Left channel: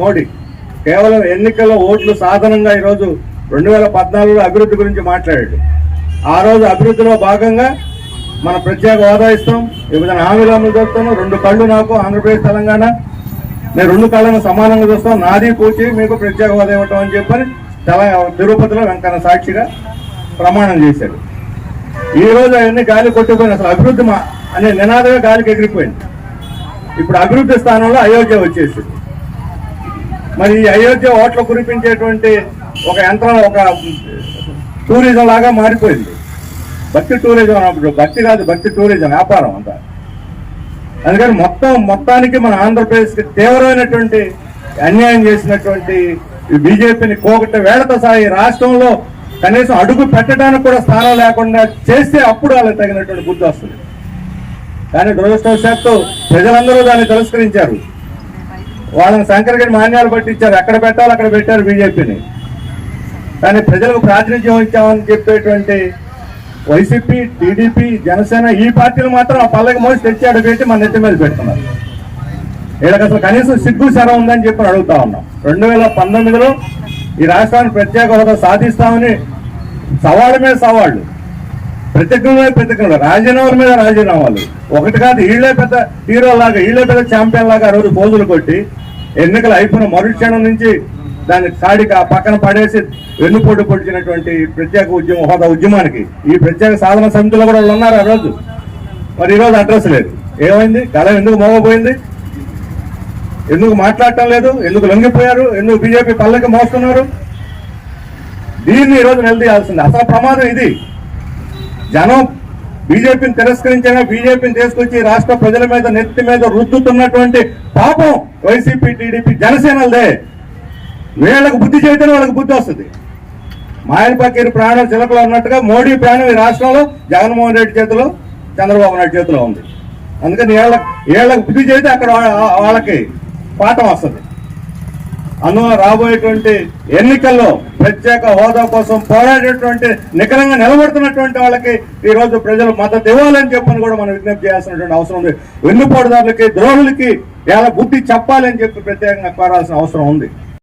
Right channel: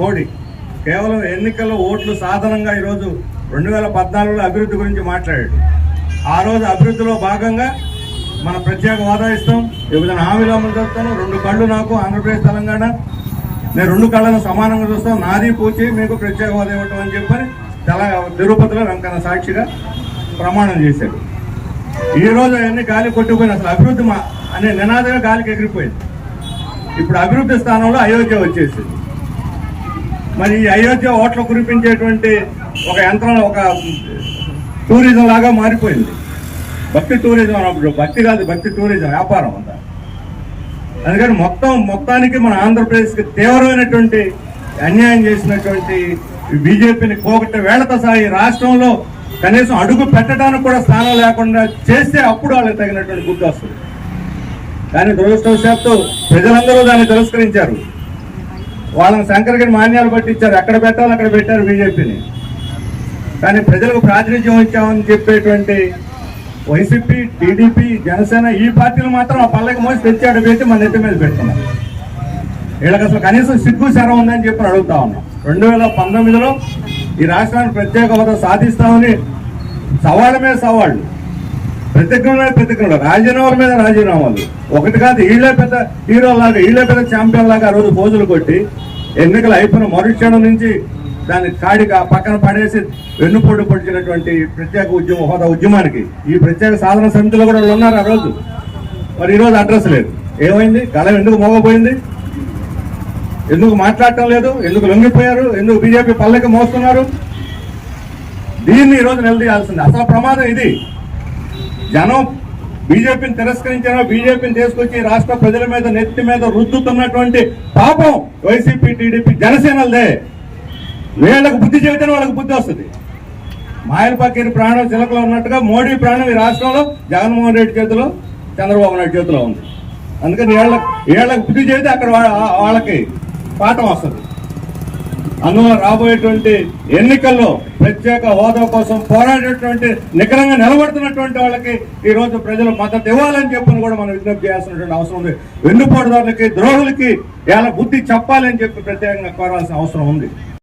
మోడీ కేవలం ఎన్నికల్లో ఓట్లు సాధనంగా ఈరోజు రెండు వేల పద్నాలుగులో అభివృద్ధి గురించి మాట్లాడాడు. ఆ రోజు అభివృద్ధిలో భాగంగా మన ప్రత్యేక హోదా ఇస్తాం విభజన హామీలు అమలు చేస్తాను రెండు కళ్ళు నాకు ఆంధ్రప్రదేశ్ తెలంగాణ. నేను రెండు కళ్ళను సమానంగా చూస్తాం నాది పూచి మీకు ప్రత్యేక హోదా ఇవ్వటం అని చెప్పని తెల తిరుపతిలో వెంకన్న సాక్షిగా ప్రమాణం చేశాడు. ఈ రోజు అవన్నీ గాలి కొట్టిపోయిన అసలు అభివృద్ధి మా అనే నినాదగా గాలికి ఎగిరిపోయింది. ఇప్పుడు అభివృద్ధి స్థానంలో అయోధ్య వచ్చేసింది. మరి ఈ అయోధ్య ఓట్లు కురిపించేటువంటి ఒక యంత్రం ఒక టూరిజం లాగా మారిపోయింది. భక్తి టూరిజం అన్నప్పుడు భక్తి కాదు భక్తి టూరిజం వ్యాపారం అంతా. అందుకని మొత్తం మొత్తానికి మన ఆంధ్రప్రదేశ్కి తీవ్రమైనటువంటి అన్యాయం చేసినటువంటి ఈ బీజేపీని కోగట్ట వేడత సాయి రాష్ట్రంలో కనీసం అడుగు పెట్టడానికి కూడా స్థానం లేకుండా చేస్తే అప్పుడు వాళ్ళకి తగినటువంటి గుర్తు వస్తుంది. కానీ దురదృష్టవశాత్తు ప్రజలందరూ దాన్ని తిరస్కరించారు. వాళ్ళని శంకరగిరి మాన్యాలు పట్టించారు. ఎక్కడ పెట్టాలో అక్కడ పెట్టారు బీజేపీని. కానీ ప్రజలకు ప్రాతినిధ్యం ఇచ్చామని చెప్పేటువంటి వైసీపీ టీడీపీ జనసేన ఈ పార్టీలు మాత్రం ఆ పల్లకి మోసి తెచ్చాడు పెట్టి మన నెత్తి మీద పెడుతున్నారు వీళ్ళకి అసలు కనీసం సిగ్గు శరం ఉందని చెప్పి అడుగుతా ఉన్నాం. రెండు వేల పంతొమ్మిదిలో ఈ రాష్ట్రానికి ప్రత్యేక హోదా సాధిస్తామని సవాళ్ళ మీద సవాళ్ళు. ప్రతిజ్ఞ మీద ప్రతిజ్ఞలు. రాజీనామాల మీద రాజీనామాలు. ఒకటి కాదు వీళ్ళే పెద్ద హీరో లాగా వీళ్ళే పెద్ద ఛాంపియన్ లాగా ఆ రోజు పోజులు కొట్టి ఎన్నికలు అయిపోయిన మరుక్షణం నుంచి దాన్ని కాడికి ఆ పక్కన పడేసి వెన్నుపోటు పొడిచినటువంటి ప్రత్యేక ఉద్యమ హోదా ఉద్యమానికి. ఈ ప్రత్యేక సాధన సమితిలో కూడా వాళ్ళు ఉన్నారు ఆ రోజు. మరి ఈరోజు అడ్రస్ లేదు. ఏమైంది? కళ ఎందుకు మోగపోయింది? ఎందుకు మాట్లాడటం లేదు? ఎందుకు లొంగిపోయారు? ఎందుకు బీజేపీ పల్లకి మోస్తున్నారు? దీన్ని ఈరోజు నిలదీయాల్సింది. అసలు ప్రమాదం ఇది. జనం బీజేపీని తిరస్కరించిన బీజేపీని తీసుకొచ్చి రాష్ట్ర ప్రజల మీద నెత్తి మీద రుద్దుతున్నటువంటి పాపం వైసీపీ టీడీపీ జనసేనలదే. వీళ్ళకు బుద్ధి చేయటం వాళ్ళకి బుద్ధి వస్తుంది. మాయలపాకిరి ప్రాణం చిలకలు ఉన్నట్టుగా మోడీ ప్రాణం ఈ రాష్ట్రంలో జగన్మోహన్ రెడ్డి చేతిలో చంద్రబాబు నాయుడు చేతిలో ఉంది. అందుకని వీళ్ళ వీళ్ళకి బుద్ధి చేస్తే అక్కడ వాళ్ళకి పాఠం వస్తుంది. అందువల్ల రాబోయేటువంటి ఎన్నికల్లో ప్రత్యేక హోదా కోసం పోరాడేటువంటి నికరంగా నిలబడుతున్నటువంటి వాళ్ళకి ఈ రోజు ప్రజలు మద్దతు ఇవ్వాలని చెప్పని కూడా మనం విజ్ఞప్తి చేయాల్సినటువంటి అవసరం ఉంది. వెన్నుపోటుదారులకి ద్రోహులకి ఎలా బుద్ధి చెప్పాలి అని చెప్పి ప్రత్యేకంగా కోరాల్సిన అవసరం ఉంది.